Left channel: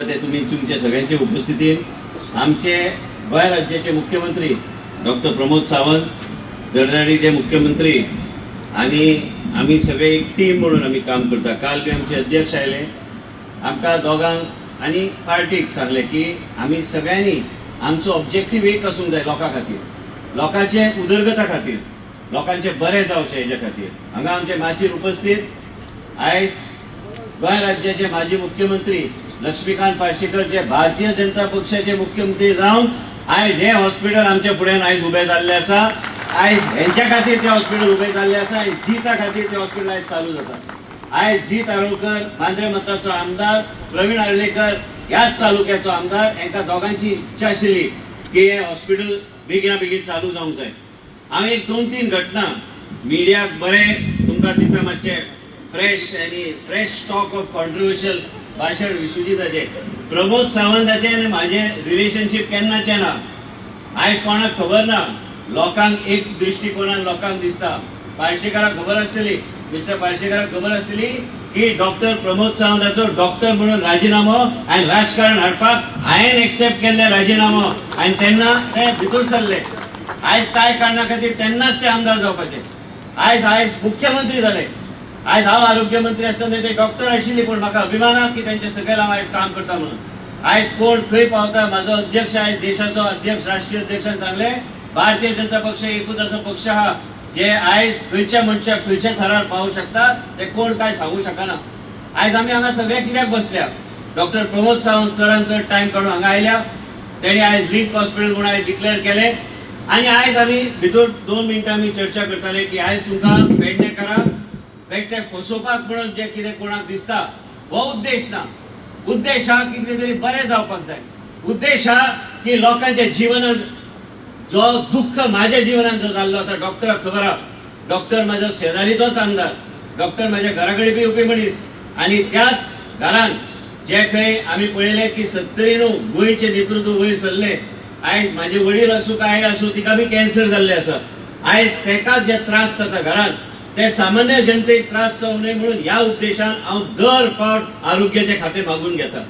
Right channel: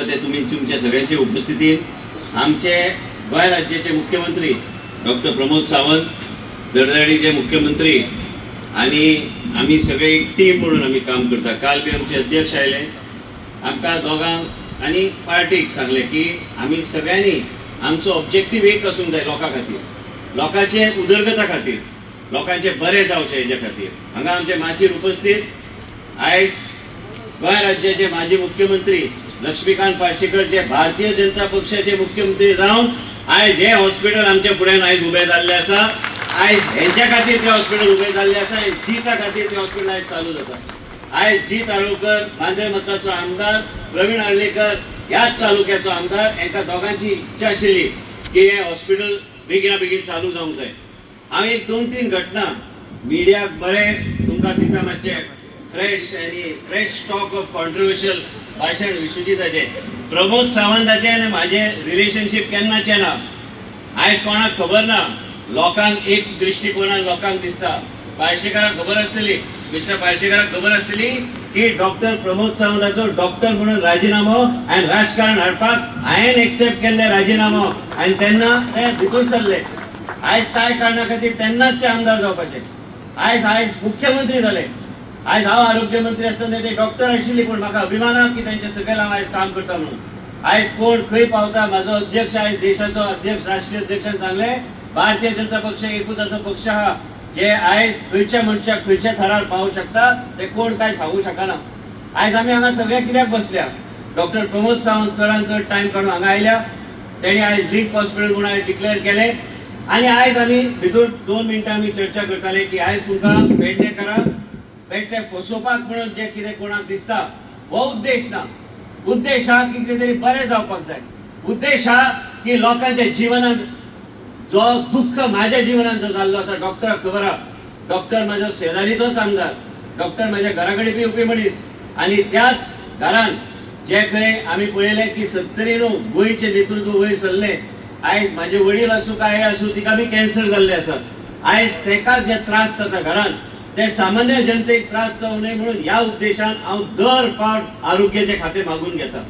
तुम्ही तुमच्या सगळ्यांच्या उपस्थितीत आमचे गोय राज्याचे मुख्यमंत्री डॉक्टर प्रमोद सावंत दरदडीचे मुख्यमंत्री आणि आम्ही सगळे एक टीम म्हणून आम्ही काम करता. काल बी आमचे अध्यक्ष आयले आमकां दोगांक आणि पार्टीक सांगले की आम्ही सगळ्यांनी आमचो ऑब्जेक्टीव एक आसूंक जाय लोकां खातीर, लोकांचे उदरगता खातीर, लोकांचे बरे जावचे हेजे खातीर. हांगा आमचे माचीर उपस्थित आयज गोय राज्याचे माजी मुख्यमंत्री लक्ष्मीकांत पार्सेकर जे भारतीय जनता पक्षाचे मुख्यमंत्री जावन आयज हे हॉस्पिटल आमच्या फुड्यान आयज उबे जाल्ले आसा. आयज हेंच्या खातीर ते हॉस्पिटल उबे जाल्ले आसा. जीता खातीर ते हॉस्पिटल आयज चालू जाता. आयज जीत आळवकर मांद्रे मताचो आमदार, प्रवीण आळलेकर ह्याच तालुक्याचो आमदार, हेंकां दोगांची इच्छा आशिल्ली की हे हॉस्पिटल बेगिना बेगीन चालू जावंक जाय. हांव एक 2-3 घटना मिडियाक बरें तुमकां दिता, मातशे फ्रेश स्टॉक ऑफ कॉन्ट्रोवर्शियल भाषण विश्वजिताचे. प्रमोद सावंताचे आनी म्हाजें रिलेशनशीप केन्नाचें ना. आयज कोणाक खबर ना, लोकांक एक दृश्टिकोनान लोकांक दिसता. पार्सेकराक खबर आसतली, मिस्टर पार्सेकराक खबर आसतली की डॉक्टर प्रमोद सावंताचो डॉक्टर म्हणून राजिनामो आनी राजकारण हाडपाक हांवें एक्सेप्ट केल्ले राजिनामो आनी तेन्ना ते भितर सरले. आयज कांय कारणां खातीर तेन्नाच ते आमदार जावपाचे. आयज मुख्यमंत्री जाले. आयज हांव आरोग्य मंत्री आसतना ते डॉक्टर आशिल्ली, पूण म्हाका अभिमान की तेंच्या सकयल हांव आयज काम करता म्हणून. आयज कोण खंय पावता, म्हाजो अध्यक्ष आयज देशाचो अध्यक्ष राष्ट्रीय अध्यक्षान सांगले भारतीय जनता पक्ष एकूच असो पक्ष आहा जे आयज खंयच्या मनशाक खंयच्या थरार पावूंक शकता, ते कोण काय सांगू शकना. आयज आमी हांगा सगळे कित्याक बसल्या, डॉक्टर प्रमोद सावंत चडान चड टायम काडून हांगा आयल्या. तेणी आयज लिंक हॉस्पिटल म्हणून आयज डिक्लेअर केले आनी आयज आमी भितर 2 मिनटां आमी चर्चा करताले की आयज तुमकां पेडणेकरां बेश्टे फसोवपाक म्हणून जे कितें कोणाक दिसता, हो उद्देश ना. उद्देश हा की कितें तरी बरें जावपाक जाय. उद्देश हा की लोकांच्या जिवनान जो दुःख म्हाज्या जिवनान जो जाल्लो आसा, डॉक्टराक खबर आहा, डॉक्टर म्हाजो शेजारीचोच आमदार, डॉक्टर म्हाज्या घरा कडेन बी येवपी मनीस आनी त्याच घरान जे खंय आमी पळयलें की 70 गोंयचें नेतृत्व वयर सरलें. आयज म्हाजे वडील आसूं काय आसूं, तिका बी कॅन्सर जाल्ले आसा. आयज तेका जे त्रास जाता घरान, ते सामान्य जनतेक त्रास जावं नये म्हणून ह्या उद्देशान हांव दर फावट आरोग्याचे खाते मागून घेता.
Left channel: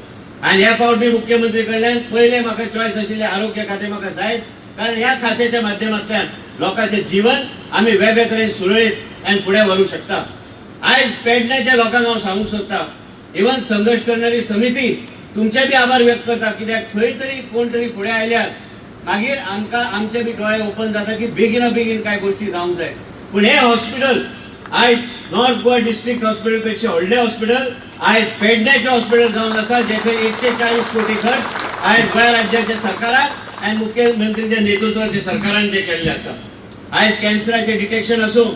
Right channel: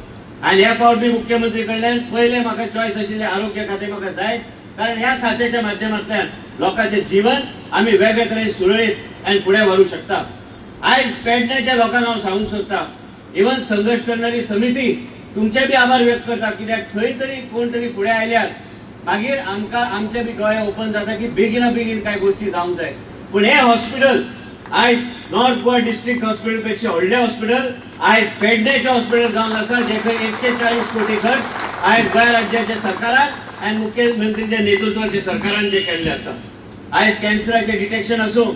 आनी ह्या फावट मी मुख्यमंत्री कडल्यान पयले म्हाका चॉयस आशिल्ले आरोग्य खाते म्हाका जायच, कारण ह्या खात्याच्या माध्यमांतल्यान लोकांचे जीवन आमी वेगळे तरेन सुरळीत आनी फुडें व्हरूंक शकता. आयज पेडण्याच्या लोकांक हांव सांगूंक सोदतां, इवन संघर्ष करणारी समिती तुमचे बी आभार व्यक्त करता, कित्याक खंय तरी कोण तरी फुडें आयल्यार मागीर आमकां आमचे बी दोळे ओपन जाता की बेगिना बेगीन कांय गोश्टी जावंक जाय. पूण हे हॉस्पिटल आयज नॉर्थ गोवा डिस्ट्रिक्ट हॉस्पिटल पेक्षा व्हडले हॉस्पिटल आयज पेडण्याचे हॉस्पिटल जावन आसा, जे खंय 140 कोटी खर्च आयज गोंय राज्याच्या सरकारान आनी मुख्यमंत्रीच्या नेतृत्वाच्या सरकारान जे केल्ले आसा. आयज कॅन्सराचे डिटेक्शन आसूं,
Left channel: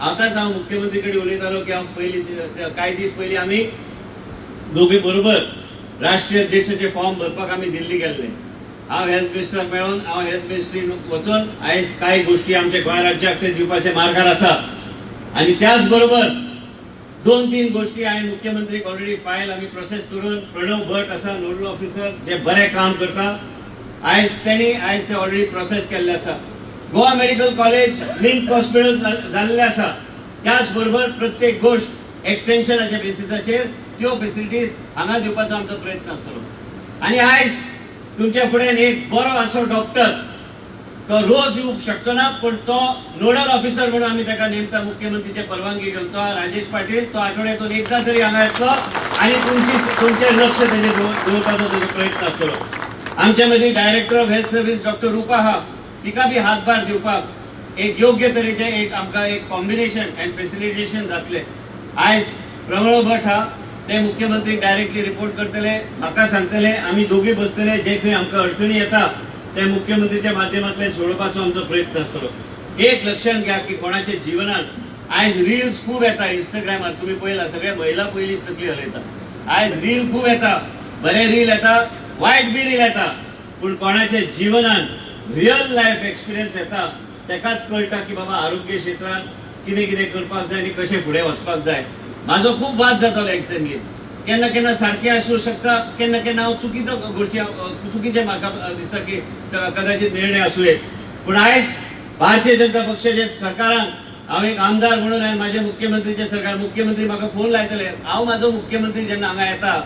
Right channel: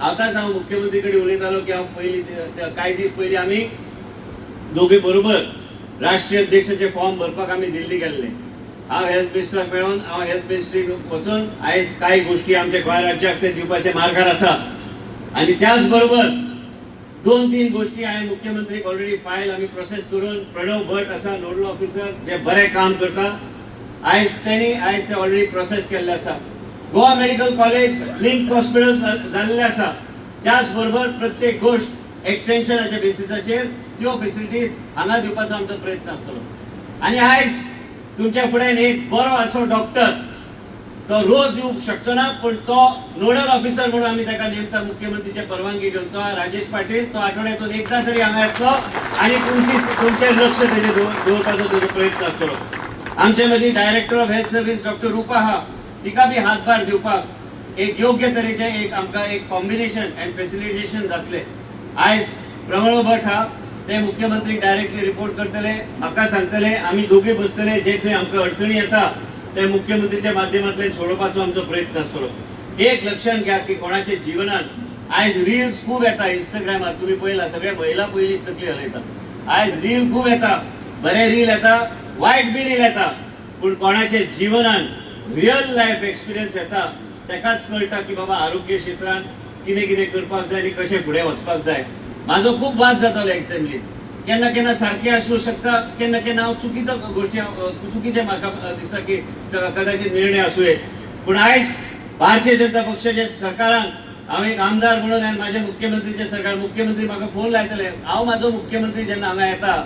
आतांच हांव मुख्यमंत्री कडेन उलयतालो की हांव पयलीं कांय दीस पयलीं आमी दोगी बरोबर राष्ट्रीय अध्यक्षाचे फॉर्म भरपाक आमी दिल्ली गेल्ले. हांव हेल्थ मिनिस्टराक मेळोन हांव हेल्थ मिनिस्ट्रीन वचून आयज कांय गोश्टी आमच्या गोंय राज्याक ते दिवपाचे मार्गार आसा. आणि त्याच बरोबर 2-3 गोष्टी हांवें मुख्यमंत्रीक ऑलरेडी फायल आमी प्रोसेस करून, प्रणव भट आसा नोडल ऑफिसर जे बरें काम करता, आयज ते ऑलरेडी प्रोसेस केल्ले आसा. Goa medical college link hospital जाल्ले आसा. त्याच बरोबर प्रत्येक गोष्ट एक्सटेन्शनाच्या बेसिसाचेर त्यो फेसिलिटीज हांगा दिवपाचो आमचो प्रयत्न आसतलो. आनी आयज तुमच्या फुड्यान एक बरो असो डॉक्टर, तो रोज येवंक शकचो ना, पण तो नोडल ऑफिसर म्हणून आमी ताका नेमता मुख्यमंत्रीचे परवानगी घेवन. तो राजेश पाटील, तो आठवड्यातून एकदा तरी हांगा येतलो आनी तुमचे लक्ष तेजे दवरपाचो तेजो प्रयत्न आसतलो. आमच्या मदीं director of health service doctor Rupa आहा, तिका बी हातभार दिवपाक एक योग्य तरेचे एक आमकां एक कॉम्बिनेशन अँड फॅसिलिटेशन जातले. आयज प्रमोद भट हा, ते मुख्यमंत्रीक डायरेक्टली रिपोर्ट करतले, म्हाका सांगतले, आमी दोगी बसतले, जे खंय आमकां अडचणी येता ते मुख्यमंत्रीच्या माध्यमांतल्यान सोडोवपाचो आमचो प्रयत्न आसतलो. एक लक्षात घ्या की कोणाच्या जिवनान आयज रील्स खूब येता इंस्टाग्रामार, तुमी पळयला सगळे महिला पयलींच तकली हलयता. आयज रील खूब येता, बरे रील येता, वायट बी रील येता, पूण कोणाच्या जिवनान रियल लायफ एक्सपिरियन्स येता तेकाच कळटा की बाबा आरोग्य क्षेत्रांत कितें कितें करपाक जाय आनी कशें फुडें वचपाक जाय. म्हाजो खूब वाद जातालो एसेंब्लीन, केन्ना केन्ना सारकें आसूं शकता, केन्ना केन्ना हांव चुकीचो गोश्टी चुकीचे म्हाका दिसता की कदाचित निर्णय आसूं येत. पूण आयज भारतीय जनता पक्षाच्या सरकारान हांव एक आमदार म्हणून आनी म्हाजे मुख्यमंत्रीचे सरकार, मुख्यमंत्री म्हाका फोन लायतले, हांव म्हाजो मुख्यमंत्री जेन्ना हांगा येता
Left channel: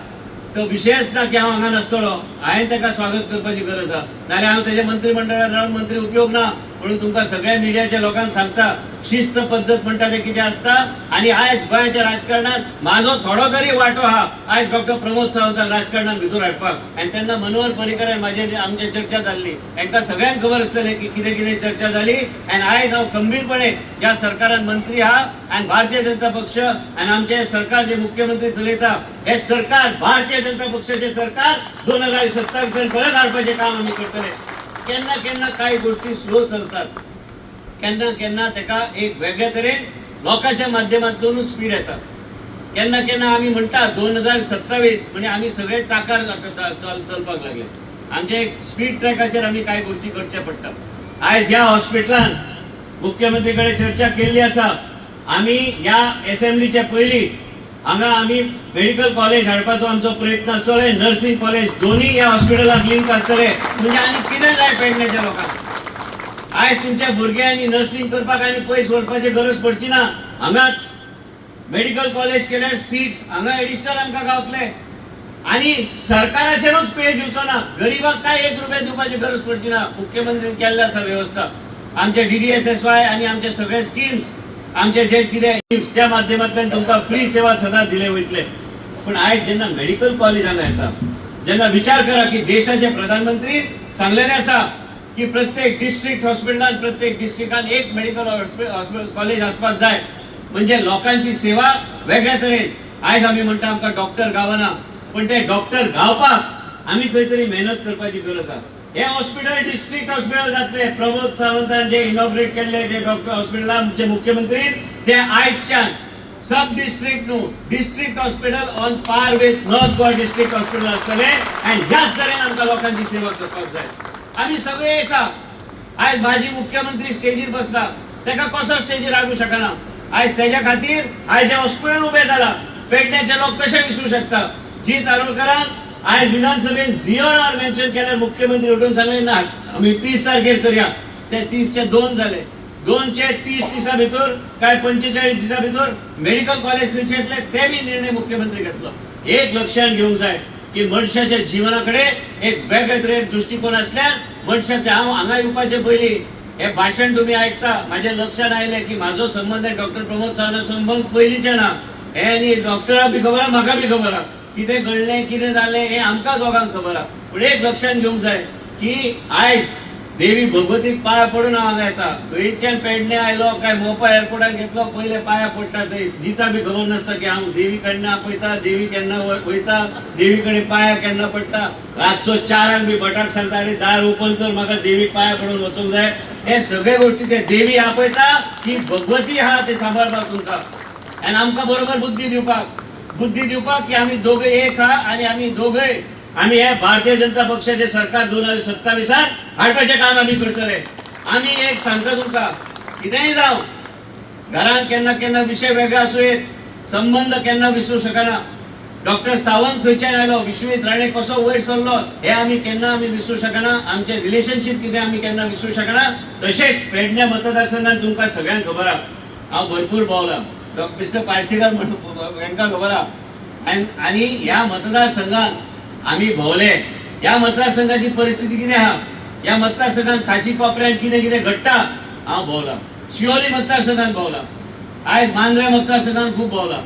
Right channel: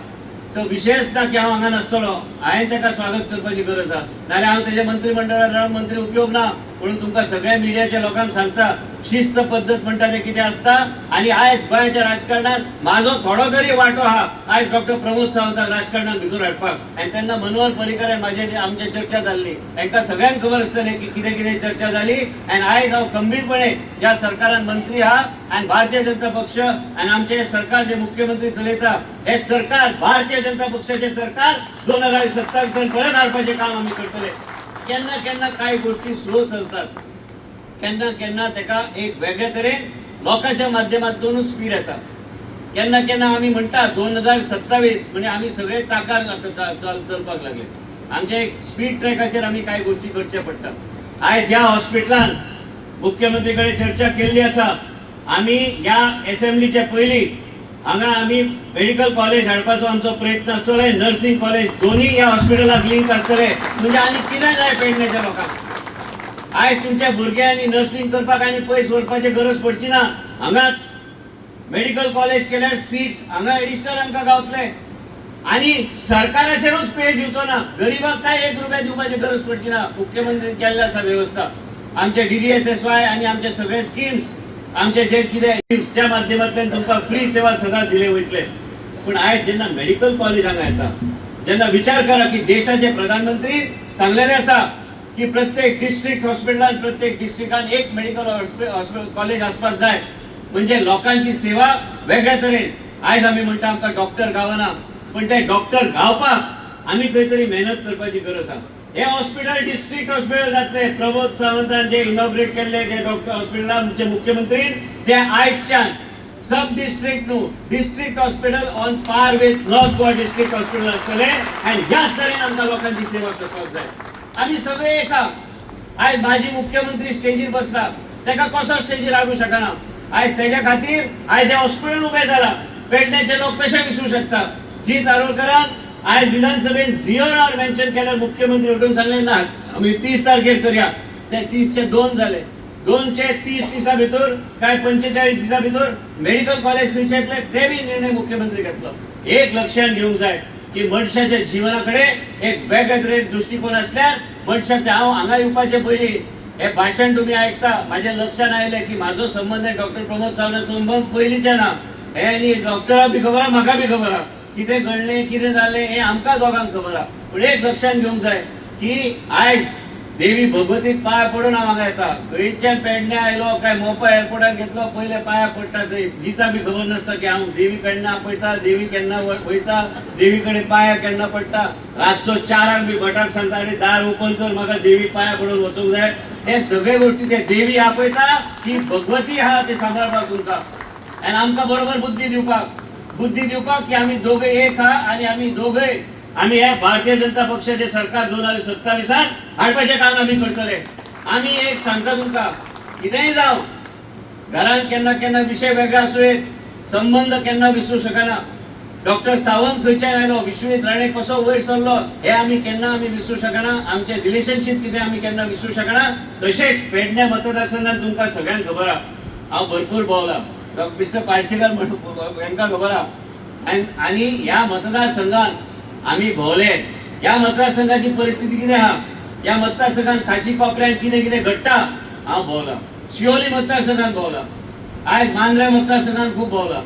तो विशयच ना की हांव हांगा नासतलो, हांवें ताका स्वागत करपाची गरज आहा, नाल्यार हांव तेज्या मंत्रिमंडळात रावन मंत्री उपयोग ना. म्हणून तुमकां सगळ्या मिडियाच्या लोकांक सांगता, शिस्त पद्दत म्हणटा ते कितें आसता. आनी आयज गोंयाच्या राजकारणात म्हाजो थोडो तरी वांटो आहा आयज डॉक्टर प्रमोद सावंताक राजकारणात भितर हाडपाक. आनी तेन्ना मनोहर पर्रीकरान आमची चर्चा जाल्ली, तांकां सगळ्यांक खबर आसतलें की कितें कितें चर्चा जाली. आनी आयज हांव खंबीरपणे ज्या सरकारान मंत्री आहा आनी भारतीय जनता पक्ष आनी आमचे सरकार जे मुख्यमंत्री चलयता, हे सरकार भारतीय जनता पक्षाचे सरकार 2027 परत हाडपाचें काम आमी करतले. केन्ना केन्ना कांय गोष्टी स्लो चलतात, केन्ना केन्ना ताका एक वेगळे तरेन लोकांच्या माध्यमांतूनच स्पीड येता. केन्ना केन्ना आमी म्हणटा 2027 म्हणजे आमी सगळे चाकार चलपाक लागले. आमचे एक स्पीड ट्रॅकाचेर आमी कांय गोष्टी करचे पडटा. आयज ह्या हॉस्पिटलान मुख्यमंत्री कडेन चर्चा केल्ली आसा. आमी ह्या असेंब्लीचे पयलीं हांगा आमी मेडिकल कॉलेज हाडपाचो आमचो प्रयत्न आसतलो, नर्सिंग कॉलेज दोन्ही ह्या हॉस्पिटलाक लिंक आसतले. म्हणजे आनी कितें जाय पेडण्याच्या लोकांक. आयज तुमच्या भुरग्यांनी नर्सिंग करपाक आनी पयस वचपाची गरज पडची ना. हांगाच मेडिकल कॉलेज केल्यार सीट्स हांगा एडिशनल आमकां गावतले. आनी सरकाराचेरूच पेज येवचो ना, गरीबाक काय 1 रुपया दिवपाची गरज पडची ना. मुख्यमंत्र्यान केल्ली आसा व्यवस्था. आमचे DDSSY आनी आमचे सगळे स्किम्स, आमचे जे कितें स्किम्सच्या माध्यमांतल्यान तुमकां फ्री सेवा सदां दिले वयतले. पूण आयज जेन्ना मेडिकल कॉलेज हांगा येता, जेन्ना विचार करा की देशाचे प्रधानमंत्री सांगलेले आसा की प्रत्येक डिस्ट्रिक्ट हॉस्पिटलान प्रत्येक डिस्ट्रिक्टान एक मेडिकल कॉलेज आसपाक जाय, म्हणजे लोकांची सेवा वेगळ्या तरेन. आयज आमी म्हणटा आमकां डॉक्टर गावना, पण ते डॉक्टर गावपाक आमी खंय तरी मेहनत करपाची गरज आहा. हे हॉस्पिटल डिस्ट्रिक्ट हॉस्पिटल जातले. प्रमोद सावंतान जे इनॉग्रेट केल्ले जे डॉक्टर हॉस्पिटल आमचे मुख्यमंत्री, ते आयजच्यान सब डिस्ट्रिक्ट न्हू district hospital on par with north Goa district hospital आसतले. आनी ह्याच तरेन आमकां लोकांची सेवा करपाक जाय. आमी सगळे एका. आयज माजी मुख्यमंत्री स्टेजीर बसला, ताका कसो स्टेजीर हाडूं शकना. आयज तेज्या खातीर आयज हे हॉस्पिटल उबें जाला. पेडण्याचे लोक कशे विसरूं शकता. जीत आरोलकरान आयज विधानसभेत झिओर मेन्शन केल्यार मुख्यमंत्री उठून सांगले ना आमी 30 तारखेर करया. ते 30 चे 2 जाले. 2 चे 30 दिसा भितर काय 45 दिसा भितर मेडिकल कॉलेज खंयचे येतले ते बी निर्णय मुख्यमंत्री घेतलो. एक लक्षात घेवंक जाय की मनशाच्या जिवनाकडे एक वेगळे तरेन दृष्टिकोन आसल्यार मनशाक हांव हांगा येवपाचे पयलीं हे भाशण तुम्ही ऐकता, माझ्या लक्षात आयले की माझो संबंध आहे डॉक्टर प्रमोद सावंत संबंध पयलींचे ना. हे आनी डॉक्टराक बी खबर आहा, म्हाका बी खबर आहा कितें घडलें कितें जालें हे आमकां दोगांक खबर आहा. पूण एक लक्षात घेवंक जाय की आयज देवी भगवतीक पांया पडून हांव हांगा येता. गोंयच्यान पेडण्या आयलो काय मोपा एअरपोर्टार घेतलो, पयले पांया पडटा थंय. जिता बी खबर नासता की हांव देवी कडनं आपयता, देवी केन्ना वयता, देवी कडेन पांया केन्ना पडटा. रातचो 4 बी भटाक सांगता अरे दार ओपन कर, म्हाका देवीक पांया पडून वचूंक जाय. हे सगळे गोष्टी ते देवी आपयता की भगवती आहा ते सांबाळपाक तुमकां आनी आमकां बरोबर बुद्धी दिवपाक की आमी दोघे एक आहा आनी आमी दोघे आमी हे भारतीय जनता पक्षाचे सरकार 2027 हाडपाचें काम आमी करतले. आमी एक सांगता तुमकां, कितेंय जावं घरांत केन्ना केन्ना विशय वेगळे आसूं येत, संबंध केन्ना विसरूं शकना. डॉक्टर सावंत खंयच्यान आयलो, विश्वजीत राणे कसो वयर सरलो हे आमी केन्ना विसरूं शकना. आमचे रिलेशनशीप कितें आमी केन्ना विसरूं शकना. तशेंच पेडण्या मतदारसंघात तुमकां सगळ्यांक खबर आहा, हांव भरपूर भोंवला. मिस्टर पार्सेकर म्हणून हांकां खबर आहा. आनी ह्या मतदारसंघात आमी भोंवले. ह्या मतदारसंघाची परिस्थिती कितें आहा, ह्या मतदारसंघात खाची कोपऱ्यांत कितें कितें घडटा हांव भोंवला. शिवोली मतदारसंघात भोंवला, आयज मांद्रे मतदारसंघात खूब भोंवला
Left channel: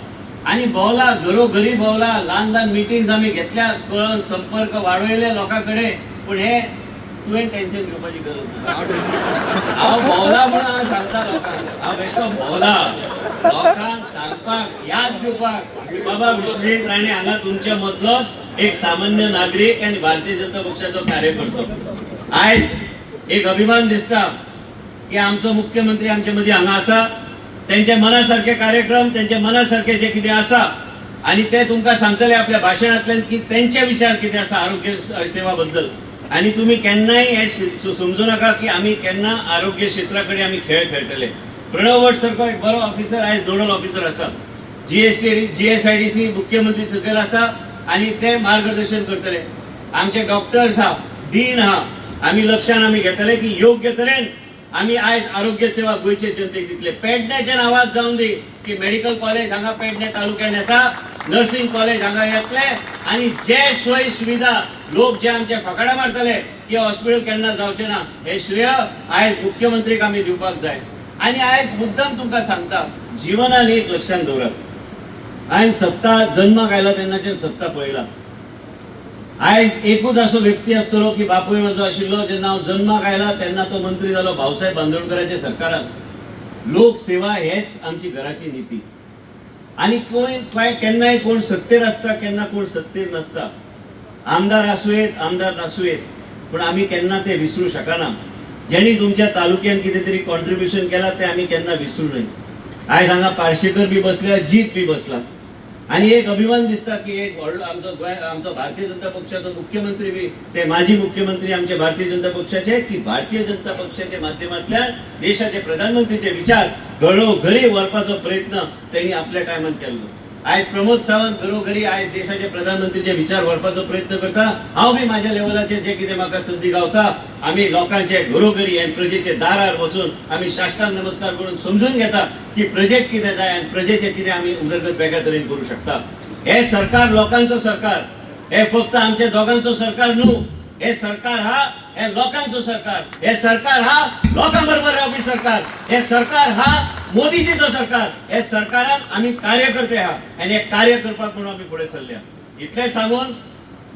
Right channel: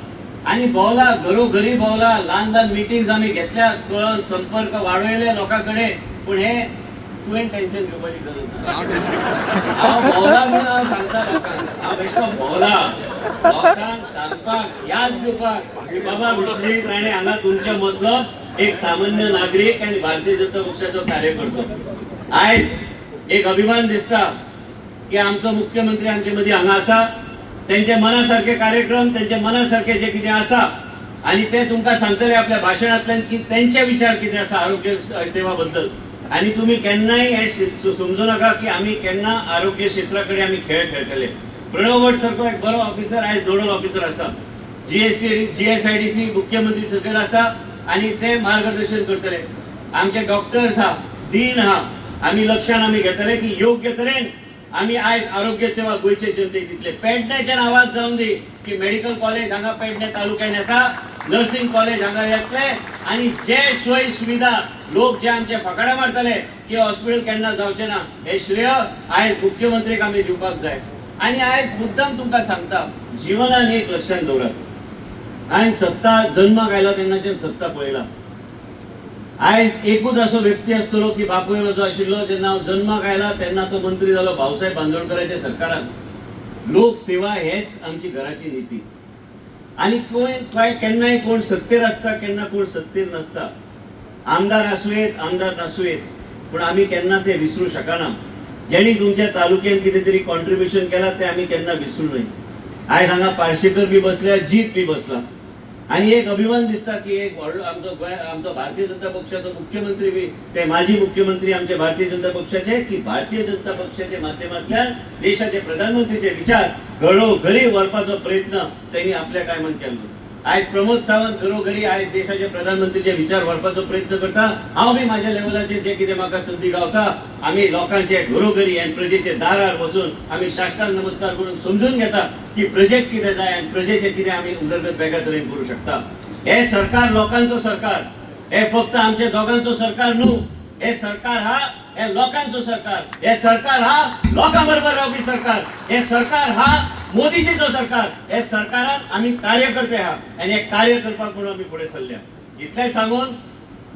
आनी भोंवला, घरोघरी भोंवला. ल्हान मिटिंग्स आमी घेतल्या, कळोन संपर्क वाडयले लोकां कडेन. पूण हे तुवें टेन्शन घेवपाची गरज ना. हांव भोंवला म्हणून हांव सांगता लोकांक, हांव बेश्टो भोंवला लोकांक सांगपाक याद दिवपाक की बाबा विश्वजीत राणे हांगा तुमच्या मदलोच एक सामान्य नागरीक आनी भारतीय जनता पक्षाचो कार्यकर्तो. आयज एक अभिमान दिसता की आमचो मुख्यमंत्री आमचे मदीं हांगा आसा. त्यांच्या मनासारखे कार्यक्रम, त्यांच्या मनासारखे जे कितें आसा आनी ते तुमकां सांगतले आपल्या भाशणांतल्यान की त्यांचे विचार कितें आसा आरोग्य सेवा बद्दल. आनी तुमी केन्नाय हे समजू नाका की आमी केन्ना आरोग्य क्षेत्रा कडेन आमी खेळ खेळटले. प्रणव भट सारको एक बरो ऑफिसर आयज नोडल ऑफिसर आसा. GSIDC मुख्यमंत्री सकयल आसा आनी ते मार्गदर्शन करतले. आमचे डॉक्टर्स आहा, डीन आहा, आमी लक्षान आमी घेतले की योग्य तरेन आमी आयज आरोग्य सेवा गोंयचे जनतेक दितले. पेडण्याच्या नांवांत जावन दी की मेडिकल कॉलेज हांगा पेडणे तालुक्यान येता नर्सिंग कॉलेज हांगा येतले आणि जे सोयी सुविधा लोक जे आमचे फकाडा मारतले की हॉस्पिटल केन्ना जावचे ना हे श्रेय आयज मुख्यमंत्रीक आमी दिवपाक जाय. आणि आयज मुद्दम तुमकां सांगता, जिवनान एक लक्षात दवरात, आयज सत्ता जन्माक आयला तेन्नाच्यान सत्ता पळयला. आयज एकूच असो व्यक्ती आसतलो की बापूय म्हजो आशिल्लो जेन्ना हांव जन्माक आयला तेन्ना तो मंत्री जालो भाऊसाहेब बांदोडकराच्या सरकारान. लोकसेवा हेच आमची घराची नीती. आणि केन्नाय कोण सत्तेर असता केन्ना कोण सत्तेर नसता, आमदार आसूयेत आमदार नासूयेत, पण आमी केन्ना ते विसरू शकना. ज्यांनी तुमच्या तालुक्यात कितें तरी कॉन्ट्रिब्युशन केला ते आमी केन्ना विसरू नये. आयज हांगा पार्सेकर बी बसल्या, जीत बी बसला, आणि एक अभिमान दिसता की एक व्हडलो आमचो भारतीय जनता पक्षाचो मुख्यमंत्री बी ते माजी मुख्यमंत्री आमचे भारतीय जनता पक्षाचे, की भारतीय जनता पक्षाच्या माध्यमांतल्यान देशाचे प्रधानमंत्रीचे विचार घरोघरी व्हरपाचो प्रयत्न त्यांनी आपल्या टायमान केल्लो. आयज प्रमोद सावंत घरोघरी आयज देशाचे प्रधानमंत्रीचे विचार व्हरपाचो प्रयत्न करता. हांव बी म्हाज्या लेवलाचेर जे कितें म्हाका संदी गावता आमी लोकांचे घरोघरी आनी प्रजेचे दारार वचून आमी साश्टांग नमस्कार करून समजून घेता की प्रजेक कितें जाय आनी प्रजेचे कितें आमी उदरगत वेगळ्या तरेन करूं शकता. हे सरकार लोकांचो सरकार, हे फक्त आमचे दोगांचो सरकार न्हू, हे सरकार हा हे लोकांचो सरकार, हे सरकार हा लोकां बरोबर रावपी सरकार, हे सरकार हा मोदीजीचो सरकार. हे सरकारान आमी कार्यकर्ते आहा आनी हे कार्य करपाक म्हणून आमी फुडें सरल्या. इतलें सांगून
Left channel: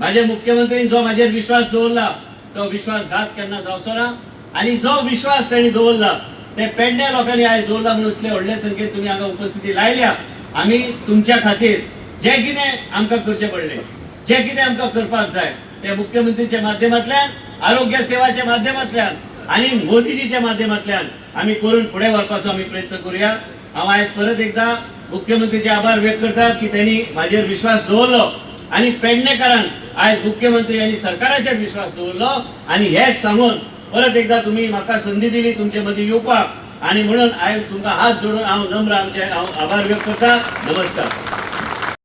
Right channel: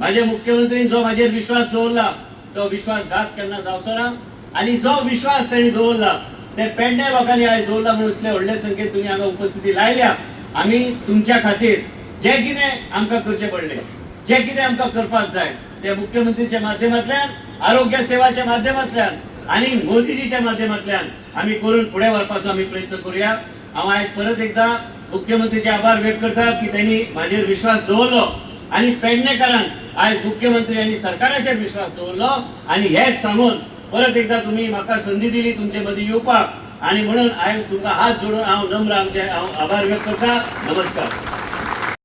माझे मुख्यमंत्रीन जो म्हाजेर विश्वास दवरला तो विश्वासघात केन्ना जावचो ना. आणि जो विश्वास त्यांनी दवरला ते पेडण्या लोकांनी आयज दवरला म्हणून इतले व्हडले संख्येन तुमी हांगा उपस्थिती लायल्या. आमी तुमच्या खातीर जे कितें आमकां करचें पडलें, जे कितें आमकां करपाक जाय ते मुख्यमंत्रीच्या माध्यमांतल्यान, आरोग्य सेवाच्या माध्यमांतल्यान आणि मोदीजीच्या माध्यमांतल्यान आमी करून फुडें व्हरपाचो आमी प्रयत्न करूया. हांव आयज परत एकदा मुख्यमंत्रीचे आभार व्यक्त करता की त्यांनी म्हाजेर विश्वास दवरलो आणि पेडणेकारान आयज मुख्यमंत्री आनी सरकाराचेर विश्वास दवरलो. आणि हेच सांगून परत एकदा तुम्ही म्हाका संधी दिली तुमचे मदीं येवपाक, आणि म्हणून आयज तुमकां हात जोडून हांव नम्र आमचे आभार व्यक्त करता. नमस्कार.